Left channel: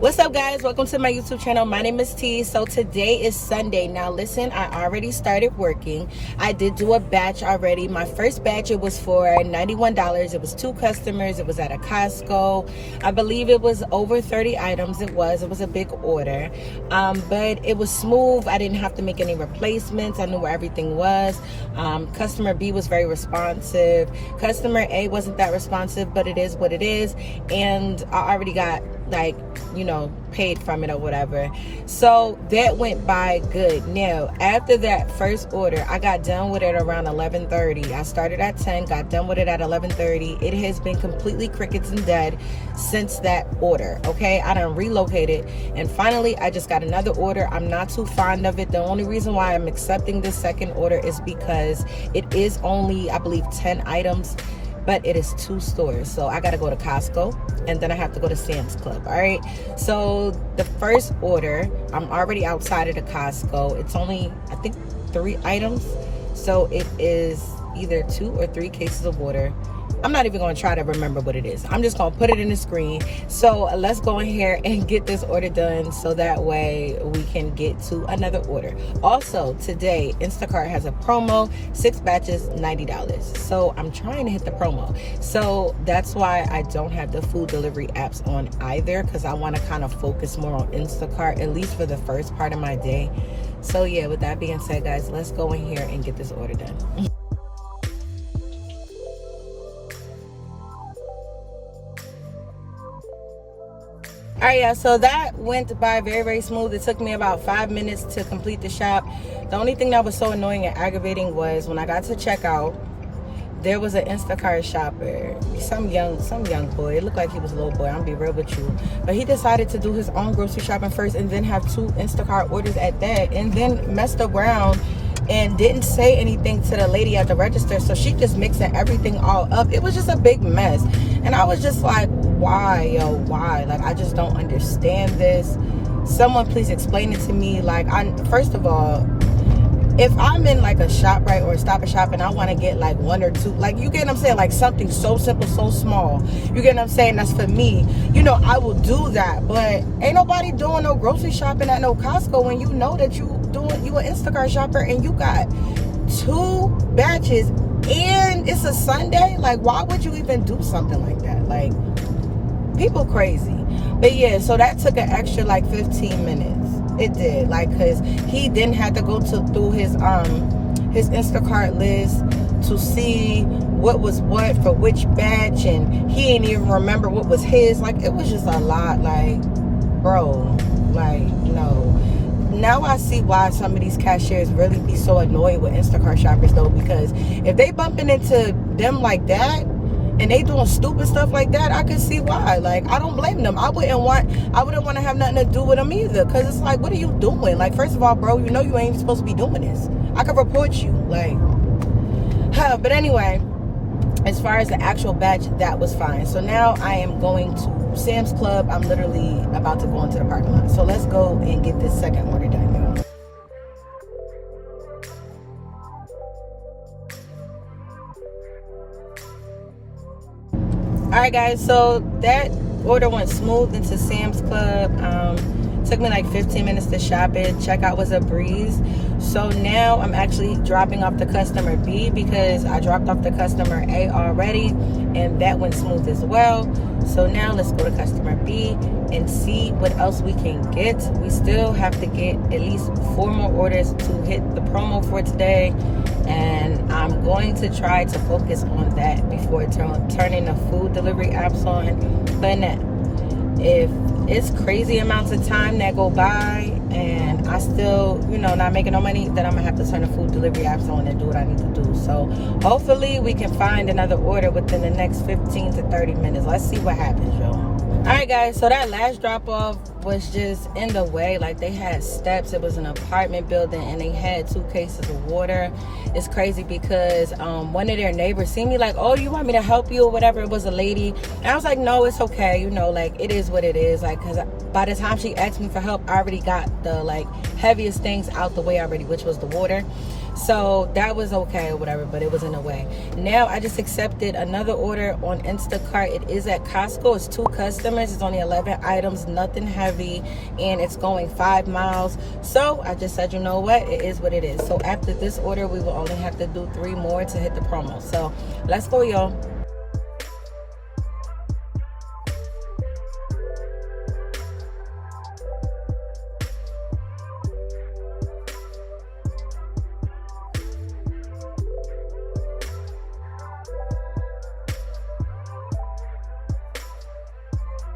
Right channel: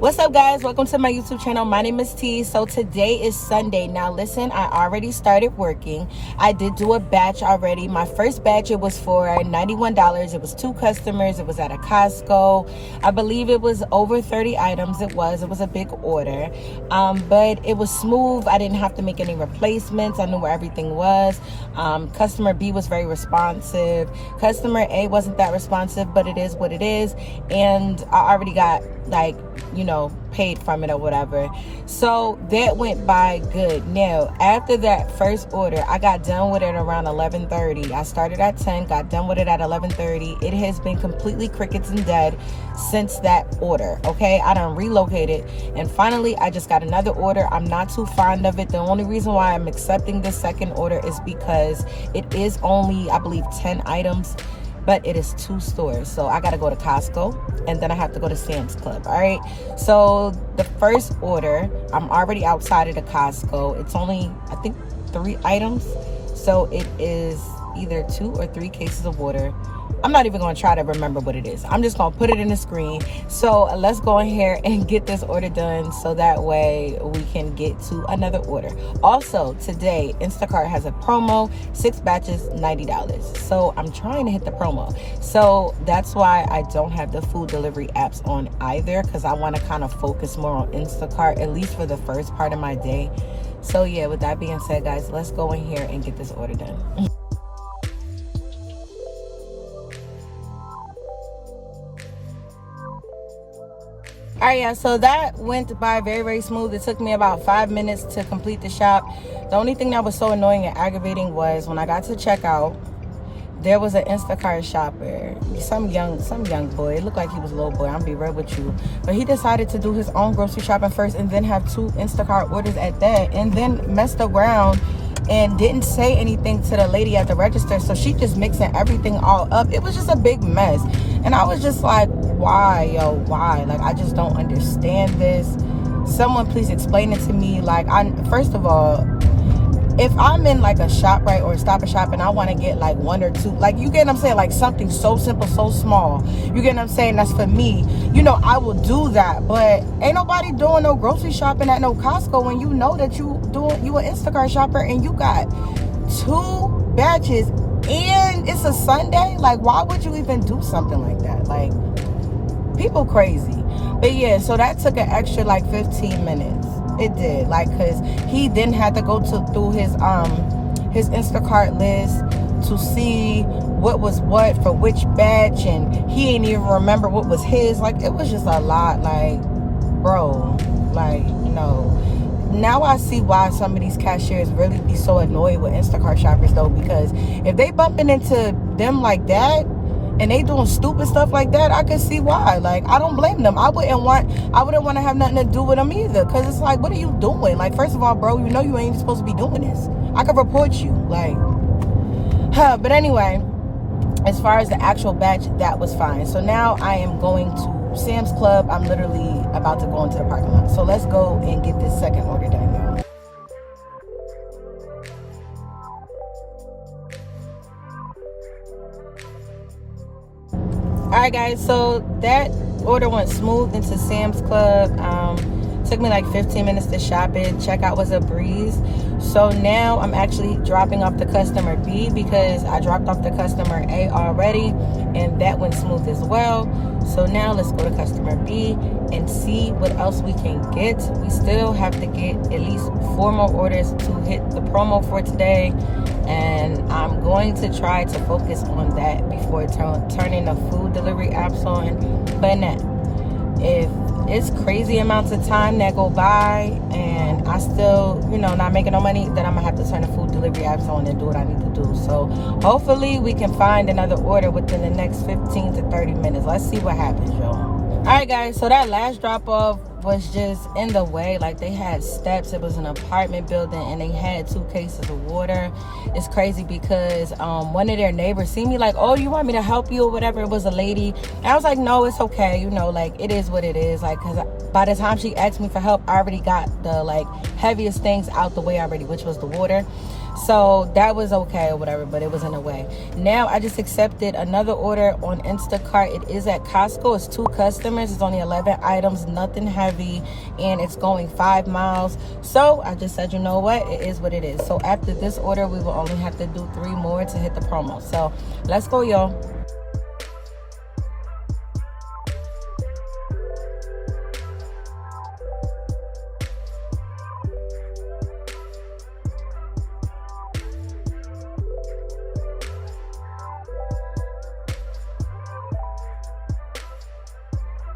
What's up, guys? Welcome to my YouTube channel. My name is T. So today is Sunday. Now listen, I already started working. I did do a batch already. My first batch, it was for $91. It was 2 customers. It was at a Costco. I believe it was over 30 items. It was a big order, but it was smooth. I didn't have to make any replacements. I knew where everything was. Customer B was very responsive. Customer A wasn't that responsive, but it is what it is. And I already got paid from it or whatever. So that went by good. Now, after that first order, I got done with it around 11:30. I started at 10, got done with it at 11:30. It has been completely crickets and dead since that order, okay? I done relocated, and finally, I just got another order. I'm not too fond of it. The only reason why I'm accepting this second order is because it is only, I believe, 10 items, but it is 2 stores. So I got to go to Costco, and then I have to go to Sam's Club. All right. So the first order, I'm already outside of the Costco. It's only, I think, 3 items. So it is either 2 or 3 cases of water. I'm not even going to try to remember what it is. I'm just going to put it in the screen. So let's go in here and get this order done so that way we can get to another order. Also, today, Instacart has a promo, 6 batches, $90. So I'm trying to hit the promo. So that's why I don't have the food delivery apps on either, because I want to kind of focus more on Instacart, at least for the first part of my day. So yeah, with that being said, guys, let's go in here and get this order done. All right, yeah, so that went by very, very smooth. It took me about 5 minutes to complete the shop. The only thing that was so annoying and aggravating was when I got to checkout, there was an Instacart shopper, some young boy. It looked like he was a little boy, I'm gonna be real with you. But he decided to do his own grocery shopping first and then have 2 Instacart orders at that, and then messed around and didn't say anything to the lady at the register. So she just mixing everything all up. It was just a big mess. And I was just like, why, yo, why? Like, I just don't understand this. Someone please explain it to me. Like, first of all, if I'm in like a shop, right, or a Stop and Shop, and I want to get like 1 or 2, like, you get what I'm saying, like something so simple, so small, you get what I'm saying, that's for me, I will do that. But ain't nobody doing no grocery shopping at no Costco when you know that you an Instacart shopper and you got 2 batches and it's a Sunday. Like, why would you even do something like that? Like, people crazy. But yeah, so that took an extra like 15 minutes. It did, like, because he didn't have to go through his Instacart list to see what was what for which batch, and he didn't even remember what was his. Like, it was just a lot. Like, bro, like, no. Now I see why some of these cashiers really be so annoyed with Instacart shoppers, though, because if they bumping into them like that and they doing stupid stuff like that, I can see why. Like, I don't blame them. I wouldn't want to have nothing to do with them either, because it's like, what are you doing? Like, first of all, bro, you ain't even supposed to be doing this. I could report you. Like, but anyway, as far as the actual batch, that was fine. So now I am going to Sam's Club. I'm literally about to go into the parking lot. So let's go and get this second order done, y'all. All right, guys, so that order went smooth into Sam's Club. Took me like 15 minutes to shop it. Checkout was a breeze. So now I'm actually dropping off the customer B, because I dropped off the customer A already, and that went smooth as well. So now let's go to customer B and see what else we can get. We still have to get at least 4 more orders to hit the promo for today, and I'm going to try to focus on that before turning the food delivery apps on. But now, if it's crazy amounts of time that go by and I still, not making no money, then I'm gonna have to turn the food delivery apps on and do what I need to do. So hopefully we can find another order within the next 15 to 30 minutes. Let's see what happens, y'all. All right, guys, so that last drop off was just in the way. Like, they had steps. It was an apartment building, and they had 2 cases of water. It's crazy because one of their neighbors seen me, like, oh, you want me to help you or whatever. It was a lady, and I was like, no, it's okay, like, it is what it is. Like, because by the time she asked me for help, I already got the like heaviest things out the way already, which was the water. So that was okay or whatever, but it was in a way. Now I just accepted another order on Instacart. It is at Costco. It's 2 customers. It's only 11 items, nothing heavy, and it's going 5 miles. So I just said, you know what? It is what it is. So after this order, we will only have to do 3 more to hit the promo. So let's go, y'all.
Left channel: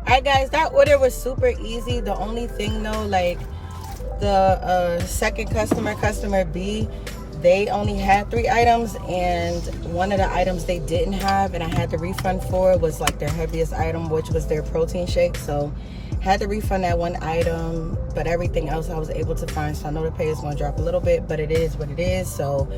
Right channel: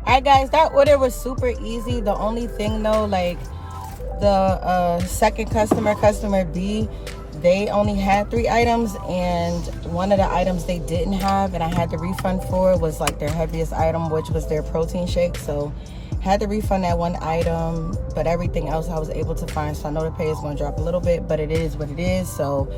Alright guys, that order was super easy. The only thing though, like the second customer B, they only had 3 items, and one of the items they didn't have and I had to refund for was like their heaviest item, which was their protein shake. So had to refund that one item, but everything else I was able to find. So I know the pay is going to drop a little bit, but it is what it is. So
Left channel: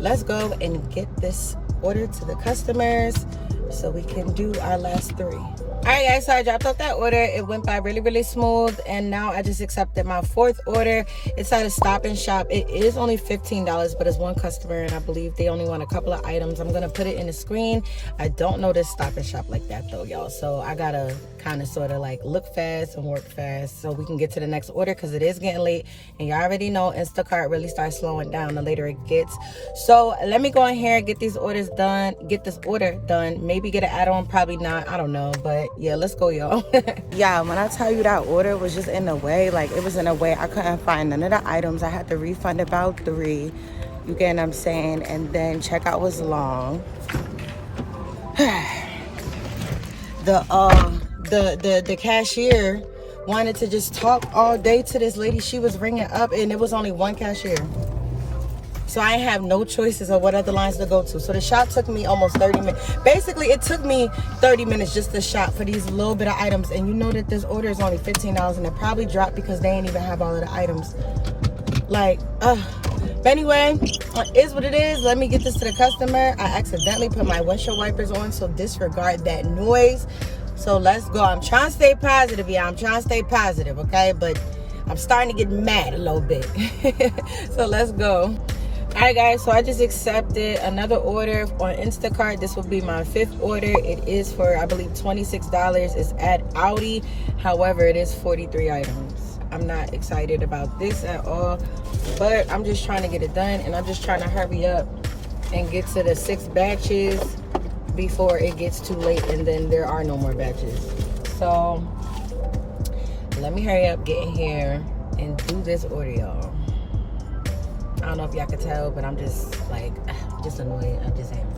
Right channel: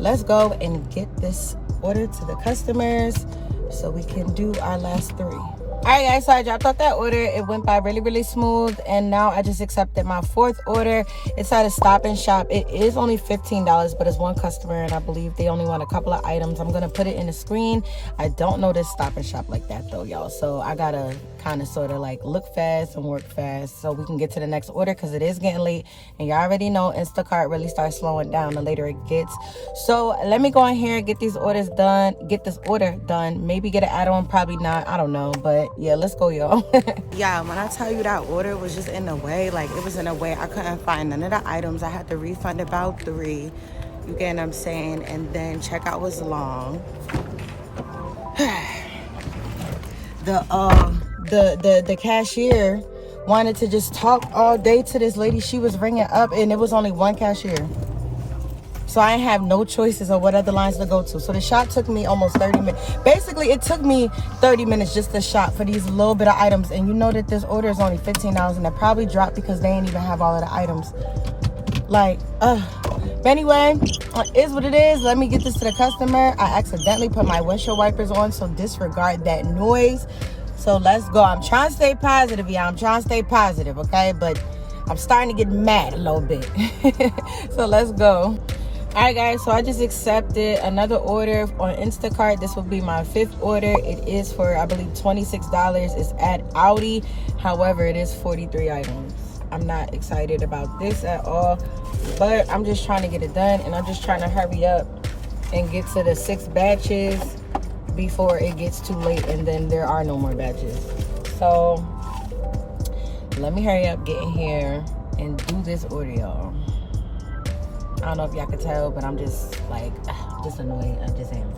let's go and get this order to the customers so we can do our last 3. Alright guys, so I dropped off that order. It went by really smooth, and now I just accepted my 4th order. It's at a Stop and Shop. It is only $15, but it's 1 customer, and I believe they only want a couple of items. I'm gonna put it in the screen. I don't know this Stop and Shop like that though, y'all, so I gotta kind of sort of like look fast and work fast so we can get to the next order, because it is getting late, and y'all already know Instacart really starts slowing down the later it gets. So let me go in here, get these orders done, get this order done, maybe get an add-on, probably not, I don't know, but yeah, let's go, y'all. Yeah, when I tell you that order was just in the way, like it was in a way, I couldn't find none of the items. I had to refund about 3, you get what I'm saying, and then checkout was long. The cashier wanted to just talk all day to this lady she was ringing up, and it was only 1 cashier. So I have no choices of what other lines to go to. So the shop took me almost 30 minutes. Basically, it took me 30 minutes just to shop for these little bit of items. And you know that this order is only $15, and it probably dropped because they ain't even have all of the items. Like, but anyway, is what it is. Let me get this to the customer. I accidentally put my windshield wipers on, so disregard that noise. So let's go. I'm trying to stay positive, y'all. I'm trying to stay positive, okay? But I'm starting to get mad a little bit. So let's go. Alright guys, so I just accepted another order on Instacart. This will be my 5th order. It is for, I believe, $26. It's at Aldi. However, it is 43 items. I'm not excited about this at all, but I'm just trying to get it done, and I'm just trying to hurry up and get to the 6 batches before it gets too late and then there are no more batches. So let me hurry up, get in here, and do this order, y'all. I don't know if y'all can tell, but I'm just like, just annoyed. I'm just saying.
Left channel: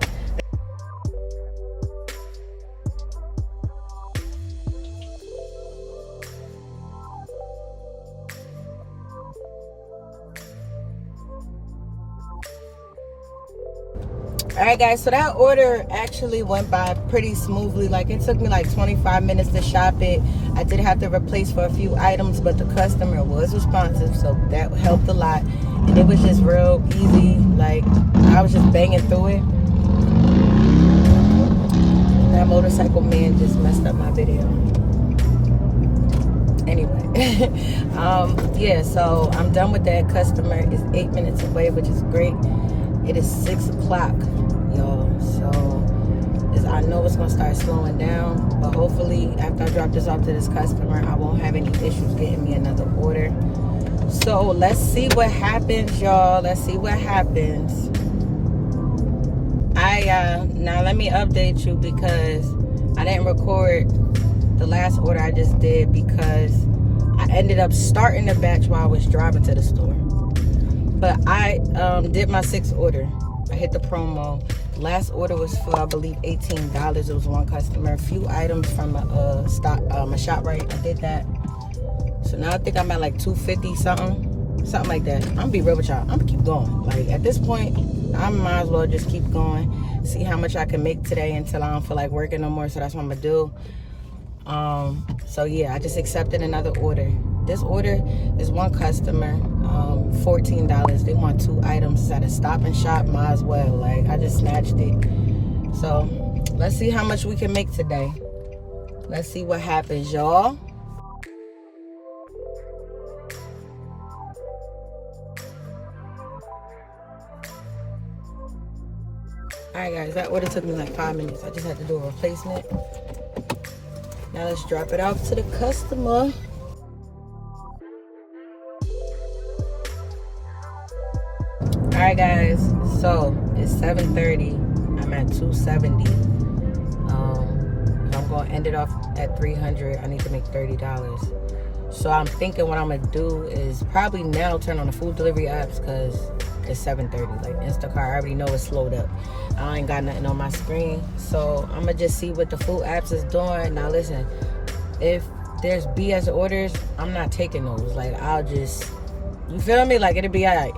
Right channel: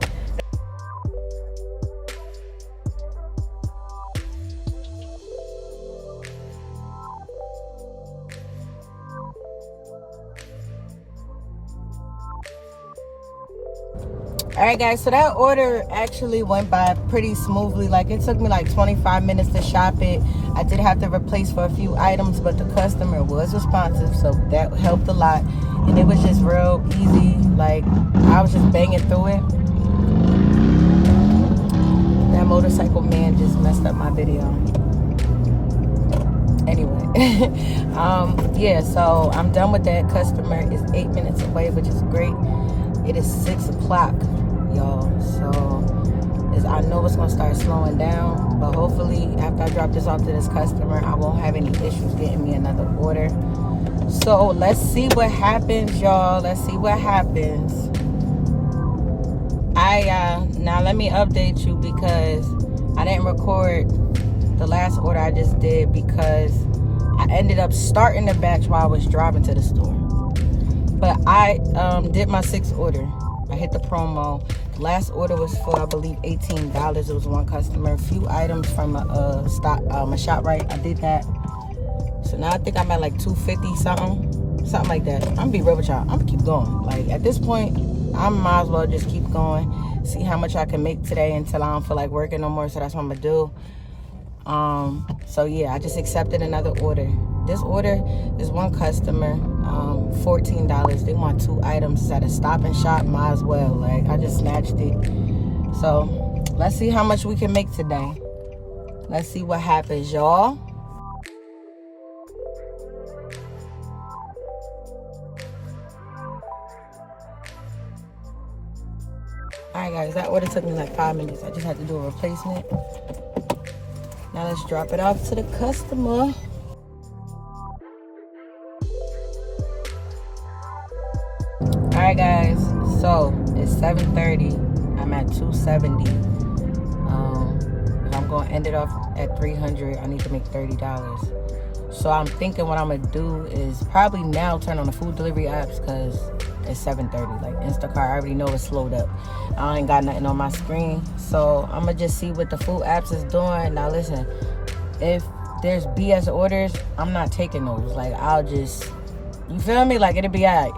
Alright guys, so that order actually went by pretty smoothly. Like it took me like 25 minutes to shop it. I did have to replace for a few items, but the customer was responsive, so that helped a lot. And it was just real easy. Like I was just banging through it. That motorcycle man just messed up my video. Anyway, yeah, so I'm done with that. Customer is 8 minutes away, which is great. It is 6 o'clock, y'all. So I know it's gonna start slowing down, but hopefully after I drop this off to this customer, I won't have any issues getting me another order. So let's see what happens, y'all. Let's see what happens. Now let me update you because I didn't record the last order I just did because I ended up starting the batch while I was driving to the store. But I did my 6th order. I hit the promo. Last order was for, I believe, $18. It was 1 customer. A few items from a ShopRite. I did that. So now I think I'm at like $250 something like that. I'm gonna be real with y'all. I'm gonna keep going. Like at this point, I might as well just keep going. See how much I can make today until I don't feel like working no more. So that's what I'm gonna do. So yeah, I just accepted another order. This order is 1 customer, $14. They want 2 items. It's at a Stop and Shop. Might as well. Like I just snatched it. So let's see how much we can make today. Let's see what happens, y'all. Alright guys, that order took me like 5 minutes. I just had to do a replacement. Now let's drop it off to the customer. Alright guys, so it's 7:30. I'm at 270. If I'm gonna end it off at 300, I need to make $30. So I'm thinking what I'm gonna do is probably now turn on the food delivery apps because it's 7:30. Like Instacart, I already know it's slowed up. I ain't got nothing on my screen. So I'm gonna just see what the food apps is doing. Now listen, if there's BS orders, I'm not taking those. Like I'll just, you feel me? Like it'll be all right.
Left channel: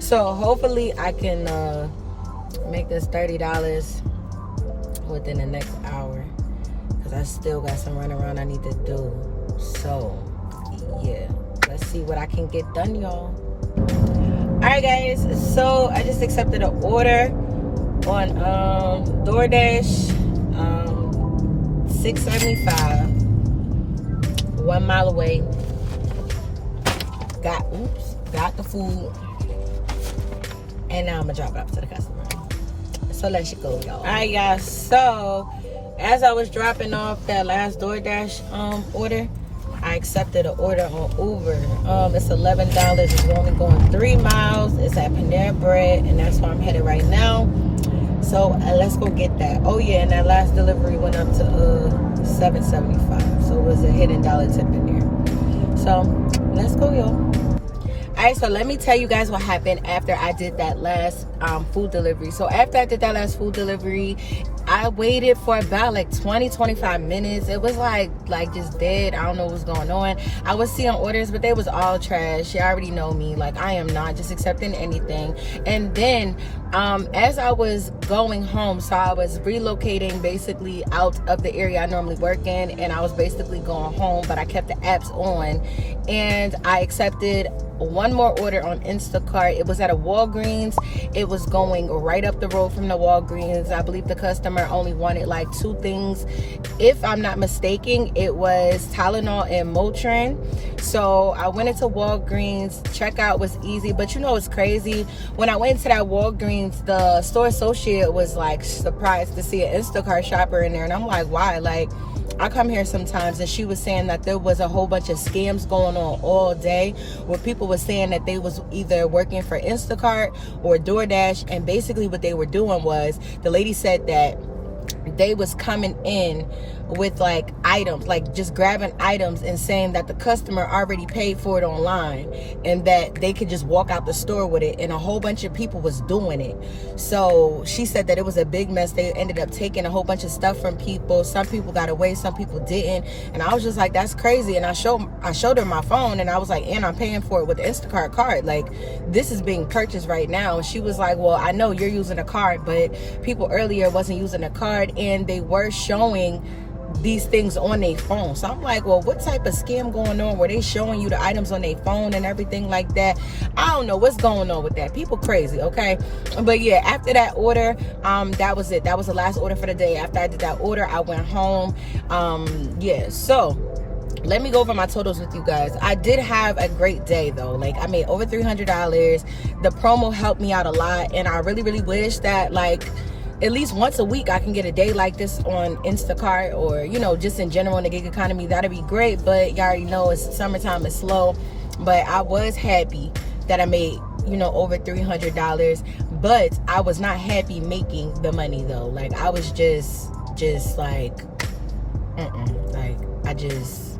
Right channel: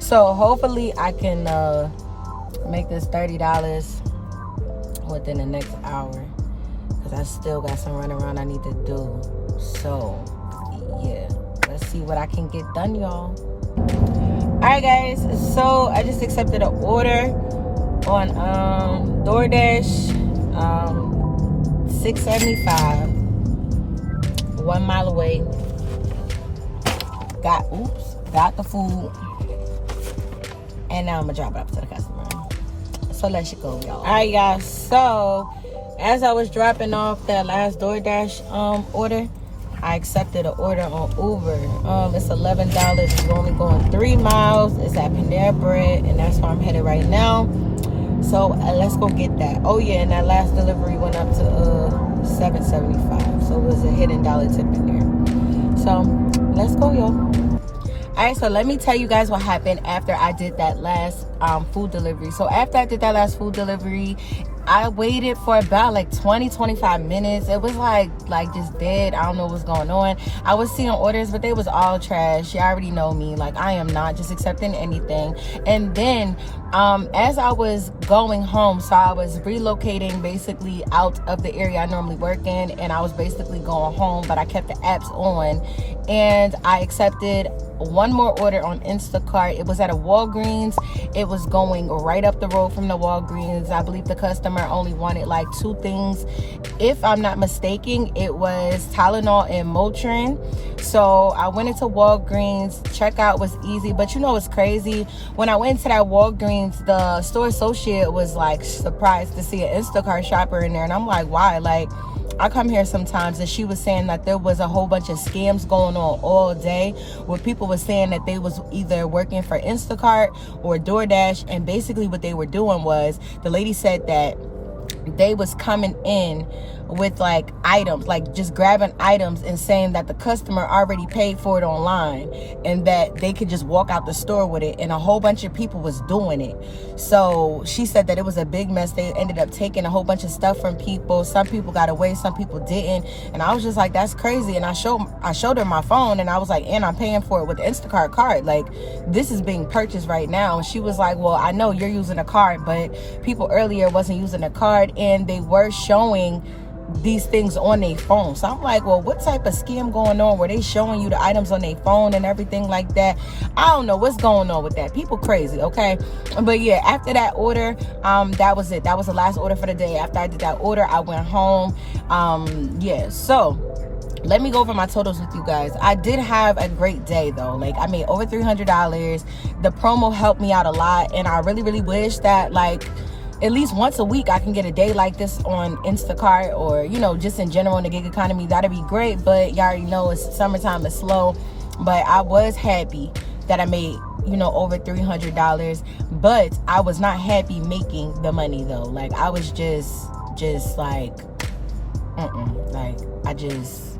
So hopefully I can make this $30 within the next hour. Because I still got some running around I need to do. So yeah, let's see what I can get done, y'all. Alright guys, so I just accepted an order on DoorDash, $6.75, 1 mile away. Got the food, and now I'm gonna drop it off to the customer. So let's go, y'all. Alright guys, so as I was dropping off that last DoorDash order, I accepted an order on Uber. It's $11. It's only going 3 miles. It's at Panera Bread, and that's where I'm headed right now. So let's go get that. Oh yeah, and that last delivery went up to $7.75. So it was a hidden dollar tip in there. So let's go, y'all. Alright, so let me tell you guys what happened after I did that last food delivery. So after I did that last food delivery, I waited for about like 20-25 minutes. It was like just dead. I don't know what's going on. I was seeing orders, but they was all trash. You already know me. Like I am not just accepting anything. And then as I was going home, so I was relocating basically out of the area I normally work in, and I was basically going home, but I kept the apps on, and I accepted one more order on Instacart. It was at a Walgreens. It was going right up the road from the Walgreens. I believe the customer only wanted like 2 things. If I'm not mistaken, it was Tylenol and Motrin. So I went into Walgreens. Checkout was easy, but you know it's crazy. When I went into that Walgreens, the store associate was like surprised to see an Instacart shopper in there, and I'm like, why? Like, I come here sometimes, and she was saying that there was a whole bunch of scams going on all day where people were saying that they was either working for Instacart or DoorDash, and basically what they were doing was, the lady said that they was coming in with like items, like just grabbing items and saying that the customer already paid for it online and that they could just walk out the store with it, and a whole bunch of people was doing it. So she said that it was a big mess. They ended up taking a whole bunch of stuff from people. Some people got away, some people didn't, and I was just like, that's crazy. And I showed her my phone, and I was like, and I'm paying for it with the Instacart card, like this is being purchased right now. And she was like, well, I know you're using a card, but people earlier wasn't using a card, and they were showing these things on their phone. So I'm like, well, what type of scam going on where they showing you the items on their phone and everything like that? I don't know what's going on with that. People crazy, okay? But yeah, after that order, that was it. That was the last order for the day. After I did that order, I went home. Yeah, so let me go over my totals with you guys. I did have a great day though. Like I made over $300. The promo helped me out a lot, and I really, really wish that like at least once a week I can get a day like this on Instacart, or you know, just in general in the gig economy. That'd be great, but y'all already know it's summertime, it's slow. But I was happy that I made, you know, over $300, but I was not happy making the money though. Like I was just like like I just,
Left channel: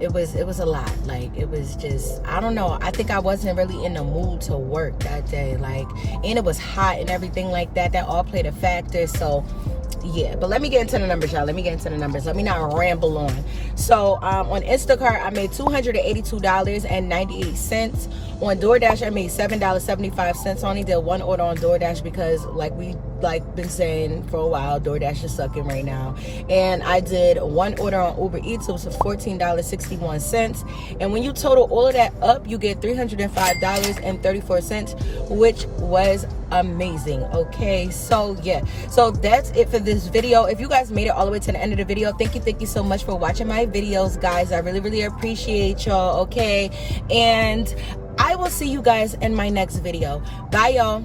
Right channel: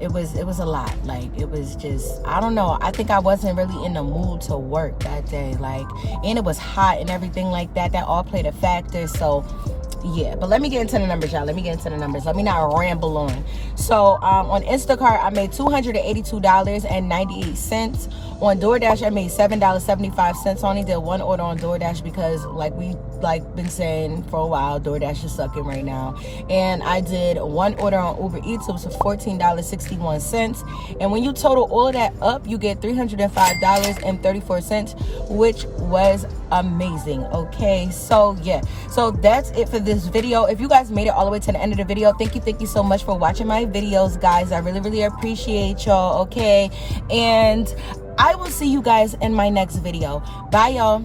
it was a lot. Like it was just, I don't know, I think I wasn't really in the mood to work that day. Like, and it was hot and everything like that. That all played a factor. So yeah, but let me get into the numbers, y'all. Let me get into the numbers. Let me not ramble on. So on Instacart, I made $282.98. On DoorDash, I made $7.75. I only did one order on DoorDash because, like we been saying for a while, DoorDash is sucking right now. And I did one order on UberEats. It was $14.61. And when you total all of that up, you get $305.34, which was amazing. Okay, so yeah, so that's it for this video. If you guys made it all the way to the end of the video, thank you so much for watching my videos, guys. I really appreciate y'all. Okay, and I will see you guys in my next video. Bye, y'all.